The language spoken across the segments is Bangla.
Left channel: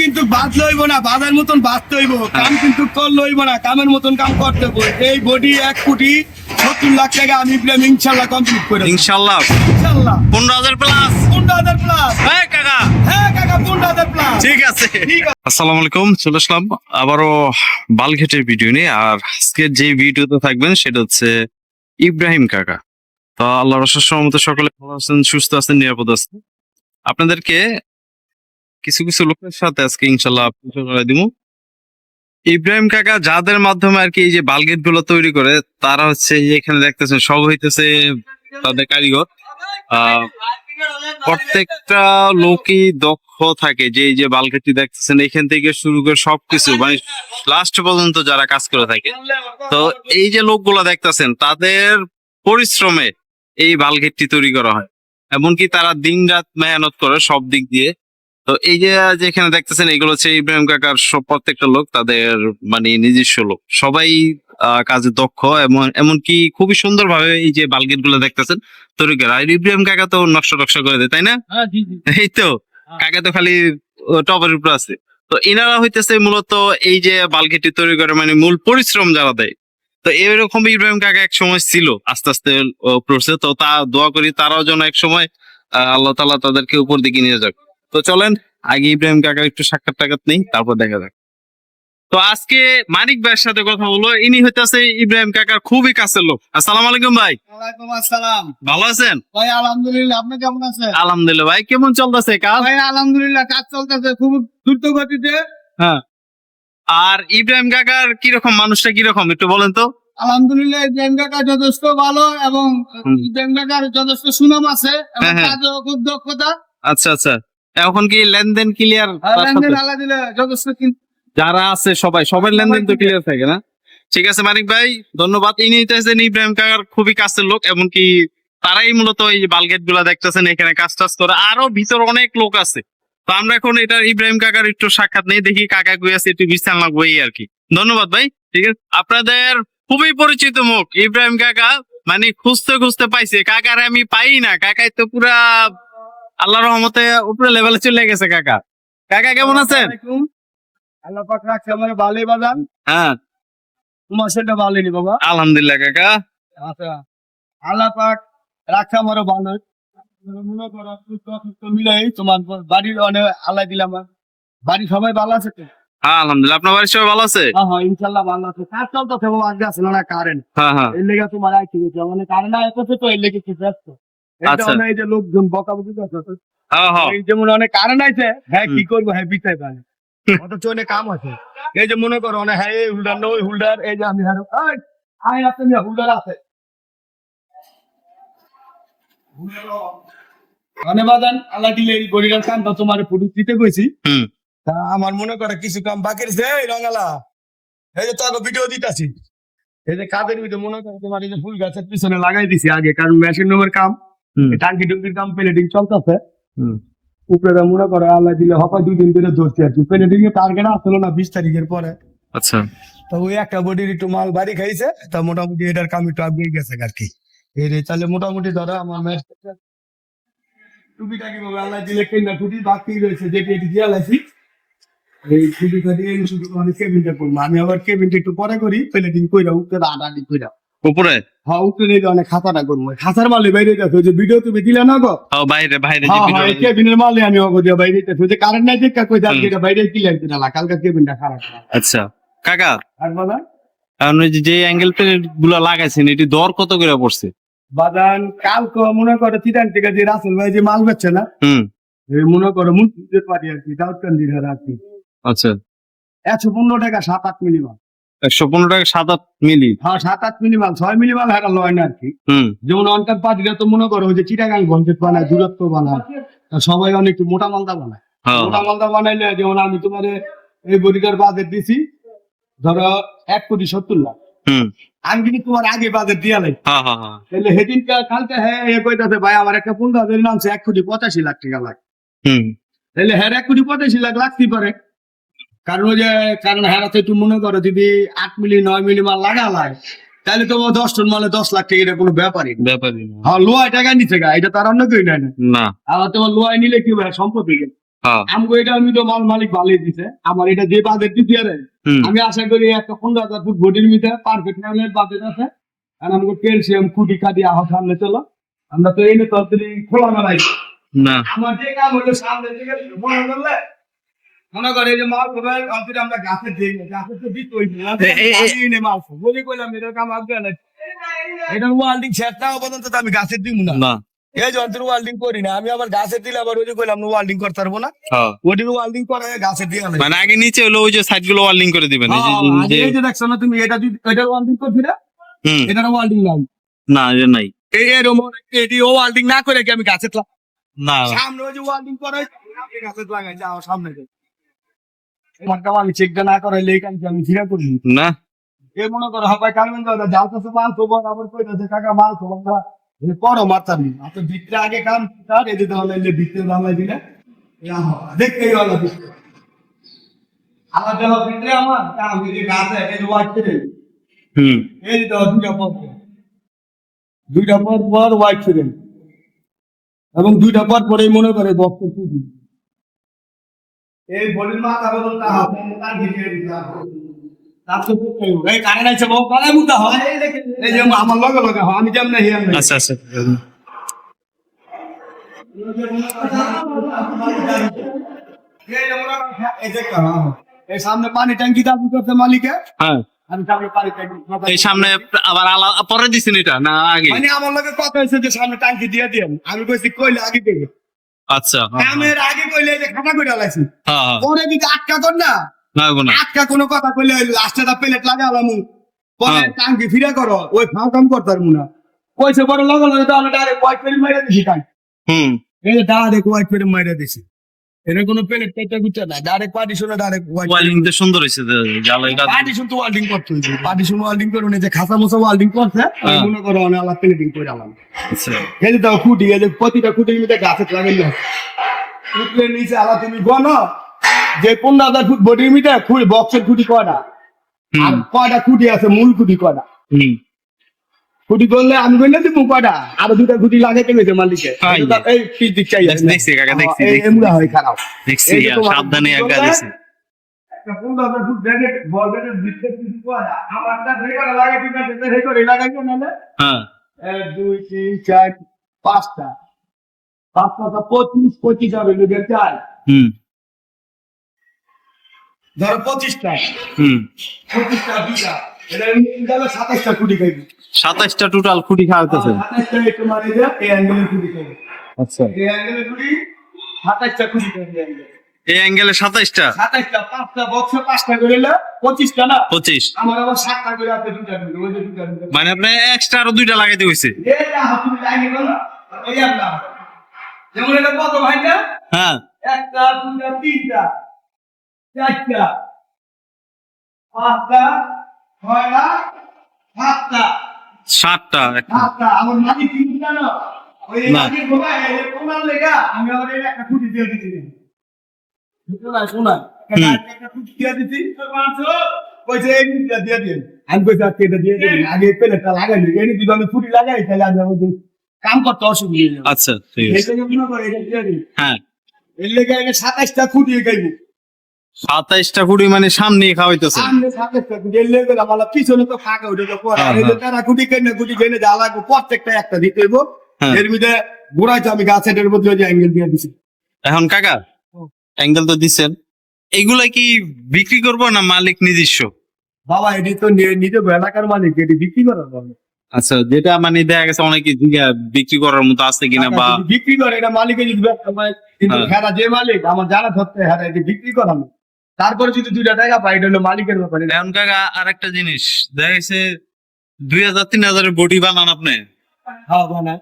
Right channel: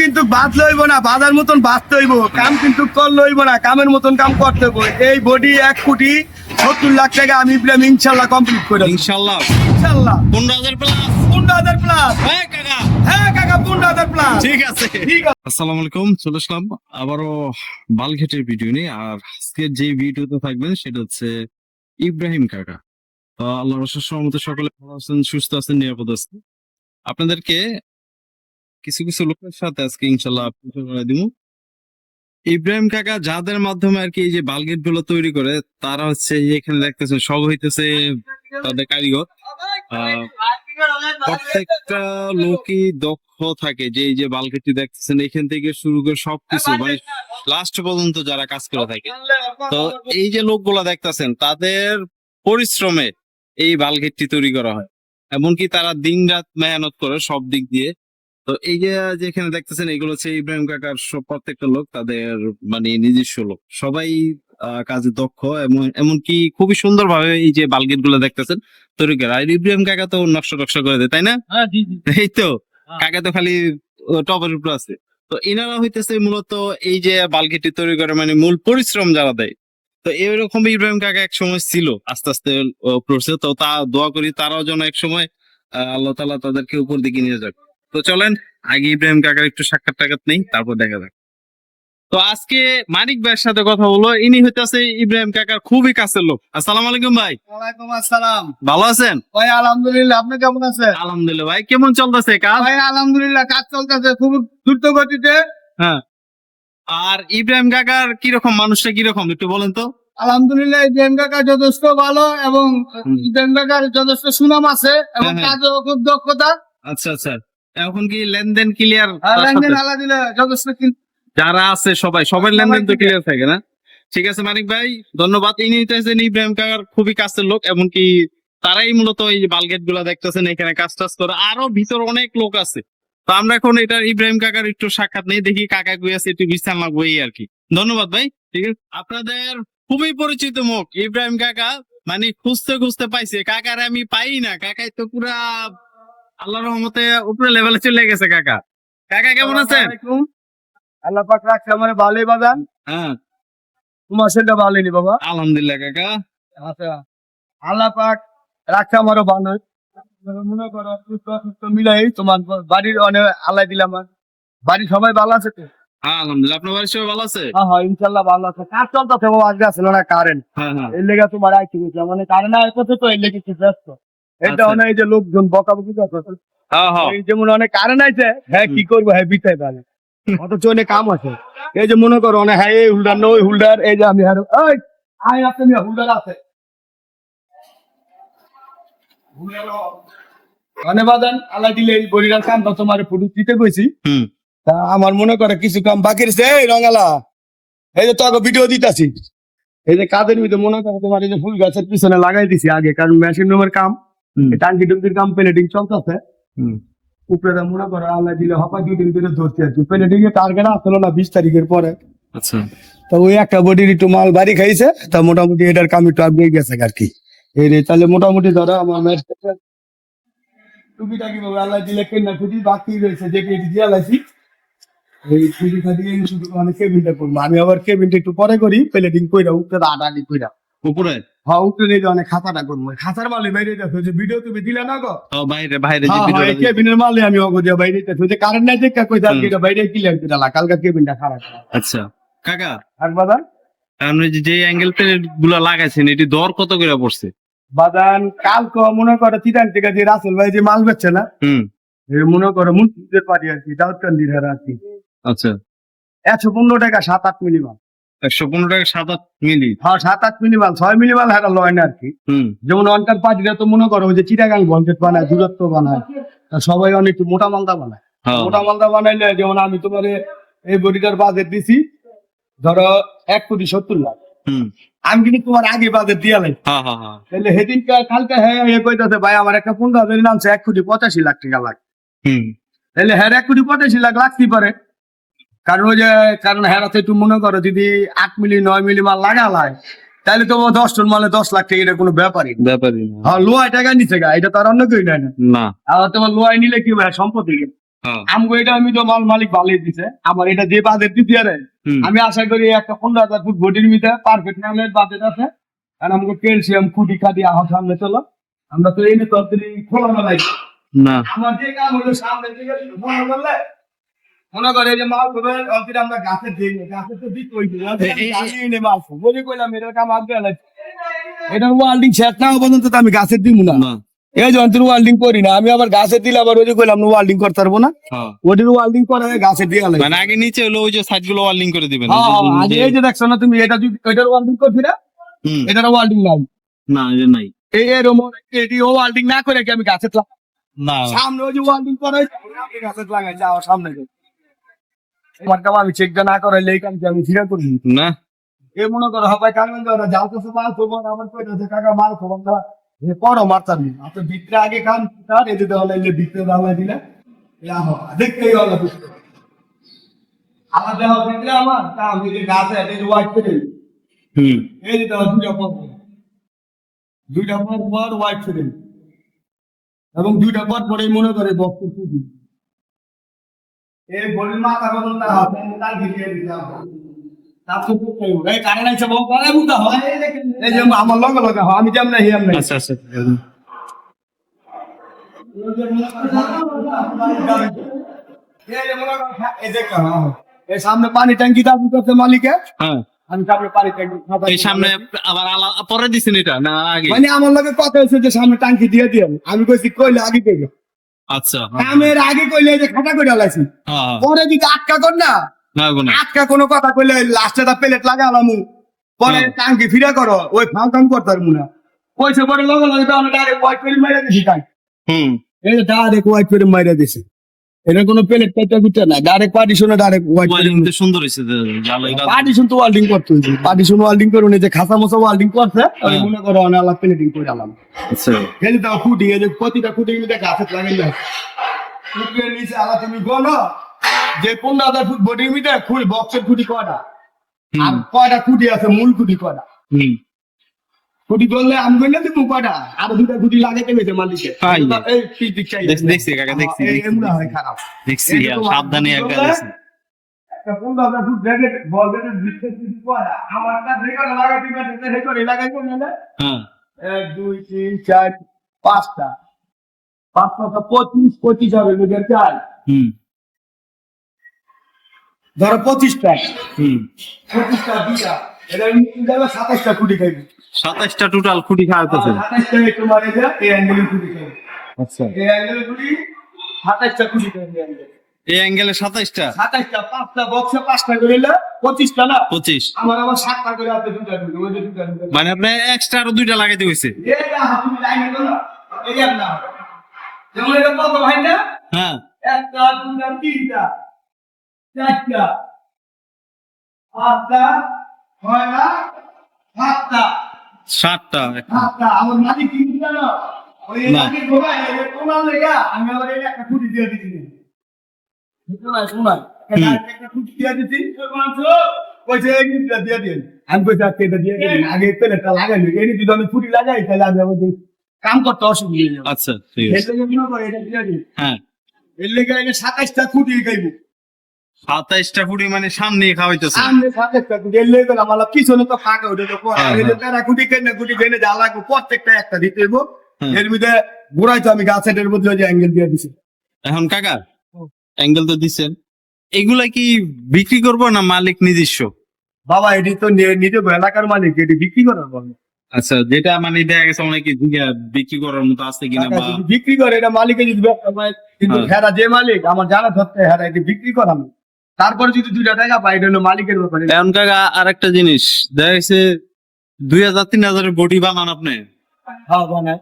কিন্তু বাদ লইব না বাজার মতন বাঁচতে হইব কাম কিন্তু কর লইব না কামের মতন কাম করতে হইব। এই বডি এক কোটি সত্তর লাখ টাকা আমি প্রেম ইনশাল্লাহ কমপ্লিট করে। ইনশাল্লাহ। ইনশাল্লাহ। পনেরো হাজার প্লাস পনেরো হাজার প্লাস হ্যাঁ কাকা। হ্যাঁ কাকা পনেরো হাজার প্লাস ঠিক আছে। ঠিক আছে। আসসালামু আলাইকুম চলে আসলাম আবারও বালঘেটের ভিডিও নিয়ে। আর আজকের যে ভিডিওতে থাকবেন সেটা হচ্ছে ইব্রাহিম কাকা। তো আল্লাহ রসের মতো সকলে ভালো আছেন সুস্থ আছেন নিরাপদ আছেন। আপনাদেরকে কিছু কিছু লোকের সাথে আজকে ইনশাল্লাহ পরিচয় করে দিব। ইব্রাহিম কাকা যাদের মাধ্যমে আর কি এই যে বালগেটগুলো তৈরি করে, তারা হচ্ছে এখানে দেখতেছেন, সব হইতেছে তাদের কারিগর। প্রত্যেকটা লোকই দক্ষ থাকে যে এই যে বালকেটি দেখতেছেন, এখান থেকে শুরু করে সবকিছু মানে লাস্ট পর্যন্ত যারা কাজ করে থাকে। তো এই যে লোকগুলা দেখতেছেন, তাদের পরিশ্রমে এই বালগেটটি তৈরি করা হয়। এমনকি তারা দিন রাত মেহনত করে সব দিক দিয়ে। তো এই যে যেখানে দেখতেছেন এগুলো হচ্ছে ইব্রাহিম কাকার সব প্রত্যেকটা লোক তাদের মানে নিজস্ব লোক। সবাই কাজে দক্ষ এবং এমনকি খুবই সুন্দর ভাবে এই যে বালগেটগুলো দেখতেছেন তৈরি করে আর ইব্রাহিম কাকা তো নকশা টকশা করে দেয় তাই না? হ্যাঁ এই তো হ্যাঁ। কাকা তো খালি টপের উপর আছে। তো এনারা হইতেছে মূলত এই যে বালকেটি তৈরি করে মানে মূল পরিশ্রম যারা দেয়। তো এরকম ইব্রাহিম কাকা এক সময় ছিল আস্তে আস্তে পড়ছে তো তা দোয়া করি তারাও যেন এক সময় আল্লাহ তালা তাদেরকে উপর দিকে নিয়ে যাক। তো চলেন আগে ইব্রাহিম কাকার একটু সাক্ষাৎ টাকাত নেই তারপর দেখা যাক। তো আজকে মানিক ভাইয়ের সাথে কথা বলো ইনি হইতেছে ইব্রাহিম কাকার খুবই কাছের লোক। আসসালামু আলাইকুম ভাই। ওয়ালাইকুম আসসালাম। ভালো আছেন? ভাই আলহামদুলিল্লাহ আপনি কেমন আছেন? আলহামদুলিল্লাহ ভাই কেমন চলতেছে কাজ? ভাই আলহামদুলিল্লাহ কাজ চলতেছে খুব দ্রুত গতিতে হ্যাঁ। আর ইব্রাহিম কাকার কীরকম মানুষটা কীরকম একটু বলেন তো। আলহামদুলিল্লাহ ইব্রাহিম কাকা যথেষ্ট ভালো এবং ইব্রাহিম কাকার যথেষ্ট সুনাম আছে এবং হ্যাঁ, হ্যাঁ। খুব দক্ষতা। আচ্ছা আচ্ছা। এখন কি লেনদেন ক্লিয়ার লেনদেন আলা দিলে যথেষ্ট যারা আছে সবাই সবার সবাই লেনদেন তো ক্লিয়ার থাকে না? ঠিক আছে মানিক ভাই ধন্যবাদ। ইনি হইতেছেন ইব্রাহিম কাকার খুবই কাছের লোক এমনকি তারাই মূলত এই বালগেটগুলা দেখতেছেন এখানে কাজ টাজ করে। আরও ভিতর অনেক লোক আছে। তো আমরা এখন এটা ইব্রাহিম কাকার একটু সাক্ষাৎ নেই দেখি কাকা কই আছে একটু বিশ্রাম লাগবো এই আর কি। ধন্যবাদ ভাই ঠিক আছে? আপনাদের খুবই পরিচিত মুখ ইব্রাহিম কাকা মানে খুঁজতে খুঁজতে পাইছে। কাকার আমি পাই না কাকাই তো পুরা আল্লাহ রহমতে উপরে লেভেলে চলে গেছে কাকা। কাকা কেমন আছেন? আল্লাহ পাক রাখছে আমার বাগান হ্যাঁ। তোমার সেটা ভালো নি বাবা। আলহামদুলিল্লাহ কাকা। আচ্ছা। আল্লাহ পাক রাখছে আমারও ভালো মনে করো সুস্থ সুস্থ মিলাই তোমার বাড়ির অনেক আল্লাহ দিলাম আমার। বাড়ির সবাই ভালো আছে তো? হ্যাঁ আলহামদুলিল্লাহ। আপনার বাড়ির সবাই ভালো আছে? হ্যাঁ হ্যাঁ ইনশাল্লাহ ভালো আছে। কাজ চলতেছে বাবা? আজকে আসলে না কারেন্ট হ্যাঁ হ্যাঁ। এর লেগে তোমার গেছে মানে কারেন্ট আসতেছে তো এর লেগে কিছু ব্যস্ত? এটা আচ্ছা। অনেক যে লোকজন বকাবকি করছে হ্যাঁ হ্যাঁ। এই যেমন অনেক কারেন্ট আছে হ্যাঁ কি করব হ্যাঁ বিতাই পারে অথচ অনেক কাম আছে। এই যে মনে করো অনেক হ্যাঁ এই হুল্ডার নয় হুল্ডার এই যে আমি এই আই আপনি হুল্ডার আছে। ধন্যবাদ আল্লাহ দিলে এই বড়িটার কামটা তোমার ফুটু দিতে কইছি। তা আমার মনে করে কিছু কাম বাকি রয়েছে। এই রঙালা এই যে তোকে ভিডিও দিতাছি। এই যে কাদের ভিতরে মনে করো তোমার এই যে ফুল গাছের পিছনে লাগাই দিছি আগে কারণ মেশিন রুমের কাম। টাঙ্কি টুঙ্কির কাম প্লেটিং চলতেছে। উপরে মনে করো আল্লাহ দিলে হবে দুই দিন ধরে ধরছি আর প্লেটিং এর টার্গেট আসলো না বিশ তারিখের পরে। আচ্ছা। তো ওই একটা বডির একটু মাল বাড়ি খাইছে তা মোটামুটি এটার কাম একটু আগে গেছে আর কি। এই তাহলে মোটামুটি ধরো আমার বলব আল্লাহ দিলে কেনা টুপি বাকি রয়েছে যেটি এটি দিয়ে লাইছি এই টুপিটা দিয়ে শুধু মানে কেবিনটা করব। আমি আবার কেবিনটা একটু পরে করি প্লেটিং কইরা উঠতে আটানি কইরা। উপরে? হ্যাঁ উঠতে নিয়ে অনেক খাতাটা করব। খাতার মালে বাইরে দেখো যে ভিডিও তুমি দিলে না গো? বাইরে হ্যাঁ হ্যাঁ কেবিনের মালে আমি অগো দিয়ে বাইরে দেখো যে কারেন্ট নাই দেখা কই যার যেটা বাইরে ক্লিয়ার করে লা কালকা কেবিনটা খারাপ আচ্ছা কাকা। আর বাদান এখন ওই যে অ্যাঙ্গেল প্লেটগুলা লাগাইছেন এটি দর কত করে পড়ছে? বাদান কালকে মনে করো চিটান থেকে যে রাসেল ভাই যে মাল বেচছে না হুম। মনে করো মুন্সিদের পারি আর কি দাউদকান্দির আর কি। আচ্ছা। একশো পনেরো টাকা সাত আট মাল। একশো পনেরো টাকা সাত আট মিলি। হ্যাঁ সাত আট মিলি মাল ছয় মিলি মাল হারা লয় না আর কি। যেমন অন্টার পার্টিরা তো মনে করো ওই যে চিটাগাং ভঞ্জেট বানায় দূরত্ব বানায় সবাই অনেক মোটা মালদা বানায়। হ্যাঁ। মোটা মালদা বানাইলে যেমন আমি তোমার এই বডিটার বাজেট দিছি ধরো এক কোটি সত্তর লাখ। হুম। আমি কিন্তু তোমার আগে বাজেট দিয়ে লাই হ্যাঁ হ্যাঁ হ্যাঁ। তাহলে সেদিন কালকে হ্যাঁ এ কইতাছে ভাই আমার একটা পনেরো হাজার নামছে এক কোটি পঁচাশি লাখ টাকা লাগ হুম। তাহলে হ্যাঁ এক কোটি পঁচাশি লাখ লাগতেই পারে। কারণ ওই যে কারণ হেরাতে একটু মনে করো যদি আট মিলি নয় মিলি মাল লাগালায় তাহলে তোমার দশ টন মালে দশ লাখ টাকা এটা কোনো ব্যাপারই ব্যাপারই। হ্যাঁ লোয়ায় টাকা নিচ্ছে গা এটা তার অন্য কেউ নেয় না। আবার তোমার লোয়ায় নিলে কি হয় সম্পত্তি হ্যাঁ। আমগো এটা আমি তো মাল মালিক ভালোই দিছে আমার এটা যে বাজেট দিতে আরে আমি আশা করি একটা পনেরো হাজার ফুট বডির মিতে পারফেক্ট নামের বাজেট আছে। আর আমাকে ক্যালসিয়াম খুঁটি খাটি আহ সামনে চলো। আমরা তো এই তরকারি খোলা না ভাই না। আমার যে কাম হলো সামনে থেকে মনে করলে মনে করে যে মাল হবে অন্তরে আমরা গাছে দিই গাছে তো দিত ওই এ- এ- এ- এনে মাল বলি কইলাম এর কাম আগে না। এটা ওয়াল্ডিং শেষ না পর্যন্ত আমি গাছের দিব না। না। এই যে অন্তর ওয়াল্ডিং করি না আমি আবার গাছের দিলে আবার ওই যে কইলাম ওয়াল্ডিং করতে পারব না। ওটির ওয়াল্ডিং করে গাছে দিয়ে মানে আগে নিচে হলো ওই যে সাইডগুলো ওয়ার্লিং করে দিবেন এই যে- হ্যাঁ, এই যে দেখছ না তুমি এটা যদি এটার ওয়াল্ডিং করছি না এটার ওয়াল্ডিং না এটা নাই। এই এরম এটি ও ওয়াল্ডিং না করে কি আমি গাছে না। সামনে ওই যে ওয়াল্ডিং করে আমি গাছে লাগাই যাও সামনে আমার কাম আমি চেকটা না করাইলে এই কামটি আমি ফিরা করি না। এ মনে করো হবাই কারণ ধরো যাও তো মাল খবর আবার কইতেছে কাকা মাল খবর না এ মারতাম ভিতরে আগে কাম তার লাগলে ভিতরে দিলে? দেখতেই হলো আমার দেওয়া ভিতরে আমার তা আমি যে গাছে এটা যে ওয়াইট করে হুম। এই যে দেওয়া দুইটা পর। দুইটা পর পর ওয়াইট করে এবং দুইটা পর পরেই মনে করে টুপি এই বলির মাথা হবে দিতে তারপর তো আমার লগে লগে আমি যেমন আচ্ছা আচ্ছা। এই যে করো, এই দেখো, এই সামনে পানি ট্যাঙ্কি দাবি করছে মালিকে। হ্যাঁ। আমি সামনে এই সামনে আবার আলা পরে দিছেন এটা না আগে? মানে আমার লগে কথা হয়েছে যে সামনে ট্যাঙ্কি দিয়ে দিয়ে আমি কইছি কইলে আগে দেবে। আচ্ছা। এর আগে কইলে যে খাটা করে লাইছি। হ্যাঁ হ্যাঁ। পরে যদি আটকা কর না আটকা কোনো কথা কইলে লাস্টে তা প্লেট লাগালাম পরে হ্যাঁ। টাঙ্কি ফিরে করো ওই ফাঁক কাম করতে পারব না। কইছে পরে লগে লগে তাহলে ডাইরেক্ট হোয়াইট করে মাইরা দিছি টাঙ্কি হুম। এই ডাইরেক্ট হোয়াইট করে মাইরা দিছি। এটা কোনো প্লেট পেটা গুটা না ডাইরেক্ট পার্টিশনে ডাইরেক্ট ওয়ার্লিং তো সুন্দর হয়েছে জ্বালা এটা পার্টিশন তো ওয়াল্ডিং করতে পার্টিশন ওয়াল্ডিং করুন এই যে খাসা মশা ওয়াল্ডিং করছে। মনে করো অনেক আলাদা প্লেটিং করে আমার খেলি তো খুঁটি এই যে প্রতিটা খুঁটি মিলে গাছে লাগাই যায় উঠলে নিচে আলা তুমি গনো যে পনেরো হাজার ফুট বডির মিটে খুঁড়ি বক্সের খুঁটি আর হুম। কয়টা খুঁটি আছে মূল খুঁটি হুম। খুঁটি করলে আমি দিব কয়টা? আর দুটা খুঁটি লাগাইতে গেছে মালিকে এই দেখছি, দেখছি কাকা, দেখছি, দেখছি। দেখছি। সাবধানে একটা ফুট আমারটা রেগাটা লাগাইতে পারছে রেগাটা লাগাইতে না হ্যাঁ। এক দুই তিন চার পাঁচটা। পাঁচটা পঁচিশ পঁচিশ হবে লোকের চার। হুম। ধরো পঁচিশটা। হুম। পঁচিশটা গেলে সাতাশটা খাইবি। সাতাশটা টোটাল খুঁটি খাওয়াতেছে সাতাশটা যা এই খাইবি। আচ্ছা। এই অ্যাঙ্গেলে কুড়ি সাতাশটা কুড়ি খাইবি এই অ্যাঙ্গেলে সাতাশটা সাতাশটা পাঁচটা বক্সে পাঁচটা করে পঁচিশটা না? পঁচিশ। আমার আবার সাতটা করে আছে দুটা দুটো ওই যে দুটা দুটা মানে আপনি এক্সট্রা আরও দুইটা লাগাইতে হয়েছে না তুমি লাইনে করো এই না যেমন এটা কত ভাইটা? হ্যাঁ। একটা দুটা তিনটা চারটা পাঁচটা ছয়টা সাতটা। সাতটা সাতটা আমার মালিক কিন্তু জানো ওই না। মালিক ঘুমায় কোনার লেগা আমি আবার একটা খুঁটি দিয়ে দিছি কাম করতে অসুবিধা আচ্ছা মনে হ্যাঁ। এর লেগে সাতাশটা খুঁটি গাইবো সাতাইশটা খুঁটি মানে সামনে খাওয়াইতেছে। সামনে সাতাশটা খুঁটি। এর লেগে আমার পিছনে তো ফাঁকা উঠে পড়া। হ্যাঁ, হ্যাঁ। তারা খুঁটি কেনে খুঁটি কেনে যা লাগবে প্রত্যেকটা একটা দিতে। এর মধ্যে গোড়াই তো আমি গাছের মধ্যে ওই যে অ্যাঙ্গেল দিয়ে দিছি। এখন কাকা। অ্যাঙ্গেল তো দিচ্ছেন এগুলা কি বিক্রি করব না মালিক নিজস্ব? বাবা এটি তো নি- নিজে এলাকার মালিক এটি বিক্রি করার আচ্ছা যেটা মানে দেখা গেছে অনেকে বিক্রি করার মতো আছে কিনা বা বিক্রি করে এটা মালিকে যদি কিন্তু হ্যাঁ। হেরা যে মালিক আমার জানা ধরতে হেরা এটি বিক্রি করানো তারপরে যদি দুইটা টাকা পাই এটা হলো মালিকের ব্যাপারে। এখন টাকা আর একটা জিনিস দেখা গেছে দুই হাজার তিন হাজারের বডি বানান আপনি। হ্যাঁ বানায়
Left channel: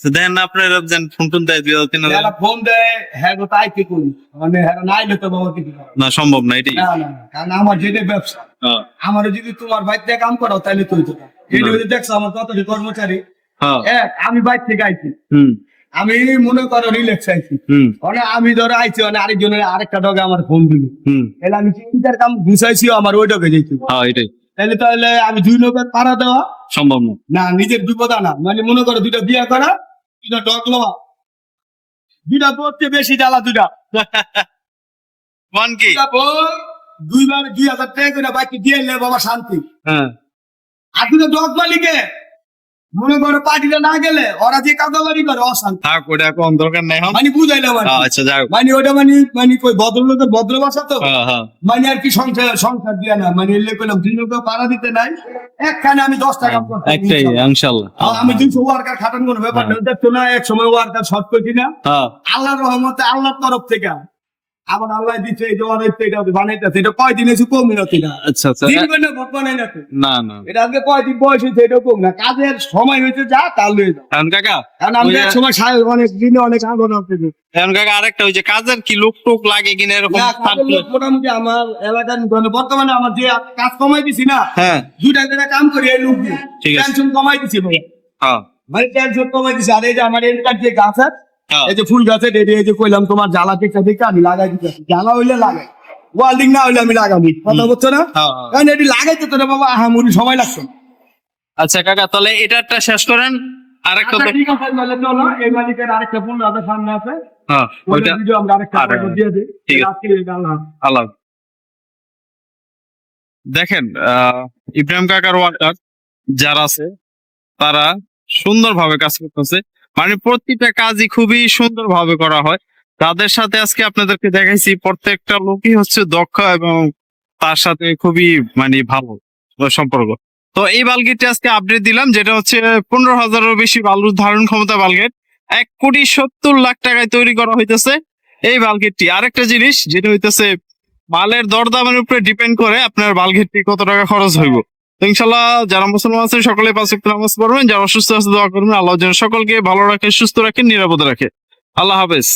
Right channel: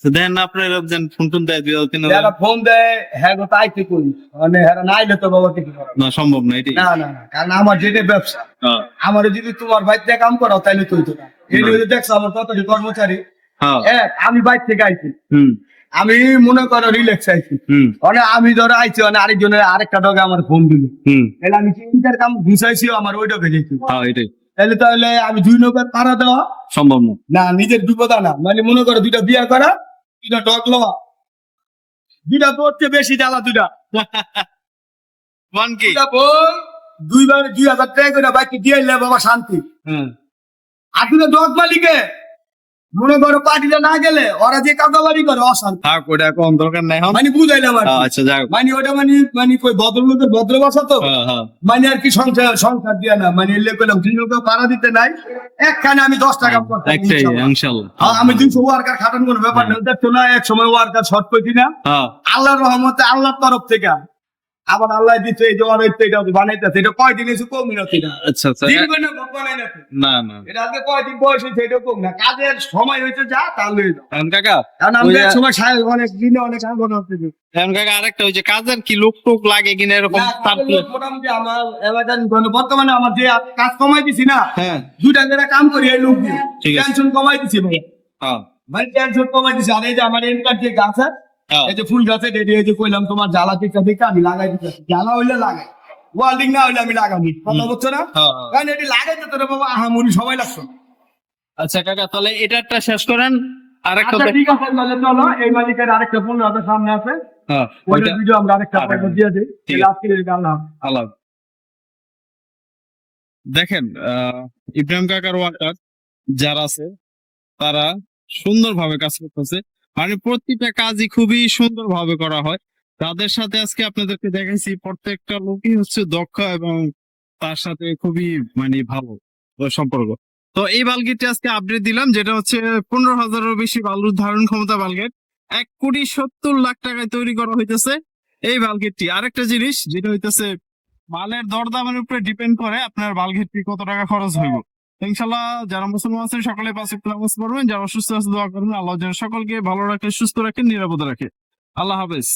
তো দেখেন না আপনার যেন ফোন টোন দেয় দুই হাজার তিন ফোন দেয় হ্যাঁ তাই করি? মানে না আইলে তো বাবা কিছু না সম্ভব না এটাই। না না না কারণ আমার যেটা ব্যবসা হ্যাঁ, আমার যদি তোমার কাম করাও তাহলে তুই তো না। এই না। যে দেখছ আমার কত কর্মচারী। হ্যাঁ। এক আমি থেকে আইছি। হুম। আমি মনে করো রিল্যাক্স আইছি। হুম। মানে আমি ধরো আইছি মানে আরেকজনের আরেকটা ডগে আমার ফোন দিল। হুম। তাহলে আমি চিন্তার কাম ঘুষাইছি আমার ওই ডগে যেত হ্যাঁ এটাই। তাহলে তাহলে আমি দুই লোকের পাড়া দেওয়া? সম্ভব না। না নিজের বিপদ আনা। মানে মনে করো দুইটা বিয়া করা দুইটা ডগ লওয়া। দুইটা পড়তে বেশি জ্বালা দুটা কি দুইবার দুই হাজার টাকা করে বাকি দিয়ে বাবা শান্তি। হ্যাঁ। আর দুটো ডগ মালিকে মনে করো পার্টিটা না গেলে ওরা যে কাকাবাড়ি করে অশান্তি। থাক ওটা কোন দরকার নাই মানে বুঝাইলাম আচ্ছা যাক মানে ওটা মানে মানে কই ভদ্র ভাষা তো? মানে আর কি সংসার সংসার দিয়া না। মানে এলে কইলাম লোক ভাড়া দিতে নাই। একখানে আমি দশ টাকা একটাই। ইনশাল্লাহ। আমি দুশো ওয়ার্কার খাটান কোনো ব্যাপার নেই দেখছ না এক সময় ওয়ার্কার শর্ট করে না আল্লাহর রহমতে আল্লাহর তরফ থেকে আবার আল্লাহ দিচ্ছে এই যে এটা বানাইতেছে। এটা কয়দিন এসে কম মিনতি না আচ্ছা আচ্ছা। দিন না না এটা আজকে কয়দিন বয়স হয়েছে এটা কম না। কাজের সময় হয়েছে যা তার লয়ে যাও। এখন কাকা কারণ আমি এক সময় অনেক দিনে অনেক এখন কাকা আরেকটা ওই যে কাজের কি লোক টোক লাগে কিনা এরকম মোটামুটি আমার এলাকার মানে বর্তমানে আমার যে কাজ কমাই দিছি না হ্যাঁ। দুইটা জায়গায় কাম করি এই লোক দিয়ে। টেনশন কমাই দিছি ভাই। হ্যাঁ। মানে টেনশন কমাই দিছি। আর এই যে আমার এলাকার যে গাছ আছে এই যে ফুল গাছে ডেডে এই যে কইলাম তোমার জ্বালা টিকা টিকা আমি লাগাই দিতে জ্বালা হইলে লাগাই ওয়ার্ডিং না হইলে আমি লাগাবি। কথা বলছো না? হ্যাঁ, হ্যাঁ। কারণ এটি লাগাইতে তো বাবা আহামুরি সময় লাগছে। আচ্ছা কাকা তাহলে এটারটা শেষ করেন। আরেকটা আচ্ছা ঠিক আছে তাহলে চলো এই মালিকের আরেকটা হাজার সামনে আছে। হ্যাঁ ওইটা ভিডিও আমরা আরেকটা দিয়ে দিই। ঠিক আছে। আল্লাহ আল্লাহ দেখেন ইব্রাহিম কাকার ওয়ার্কার যারা আছে তারা সুন্দরভাবে কাজ করতেছে। মানে প্রতিটা কাজই খুবই সুন্দরভাবে করা হয়। তাদের সাথে আজকে আপনাদেরকে দেখাইছি, প্রত্যেকটা লোকই হচ্ছে দক্ষ এবং তার সাথে খুবই মানে ভালো সম্পর্ক। তো এই বালগেটটি আজকে আপডেট দিলাম, যেটা হচ্ছে পনেরো হাজারেরও বেশি বালুর ধারণ ক্ষমতা বালগেট। এক কোটি সত্তর লাখ টাকায় তৈরি করা হইতেছে এই বালগেটটি। আরেকটা জিনিস, যেটা হইতেছে, মালের দরদামের উপরে ডিপেন্ড করে আপনার বালগেটটি কত টাকা খরচ হইব। ইনশাল্লাহ যারা মুসলমান আছে সকলে পাঁচ ওয়াক্ত নামাজ পড়বেন। যারা অসুস্থ আছে, দোয়া করবেন। আল্লাহ যেন সকলকে ভালো রাখে সুস্থ রাখে নিরাপদে রাখে আল্লাহ হাফেজ।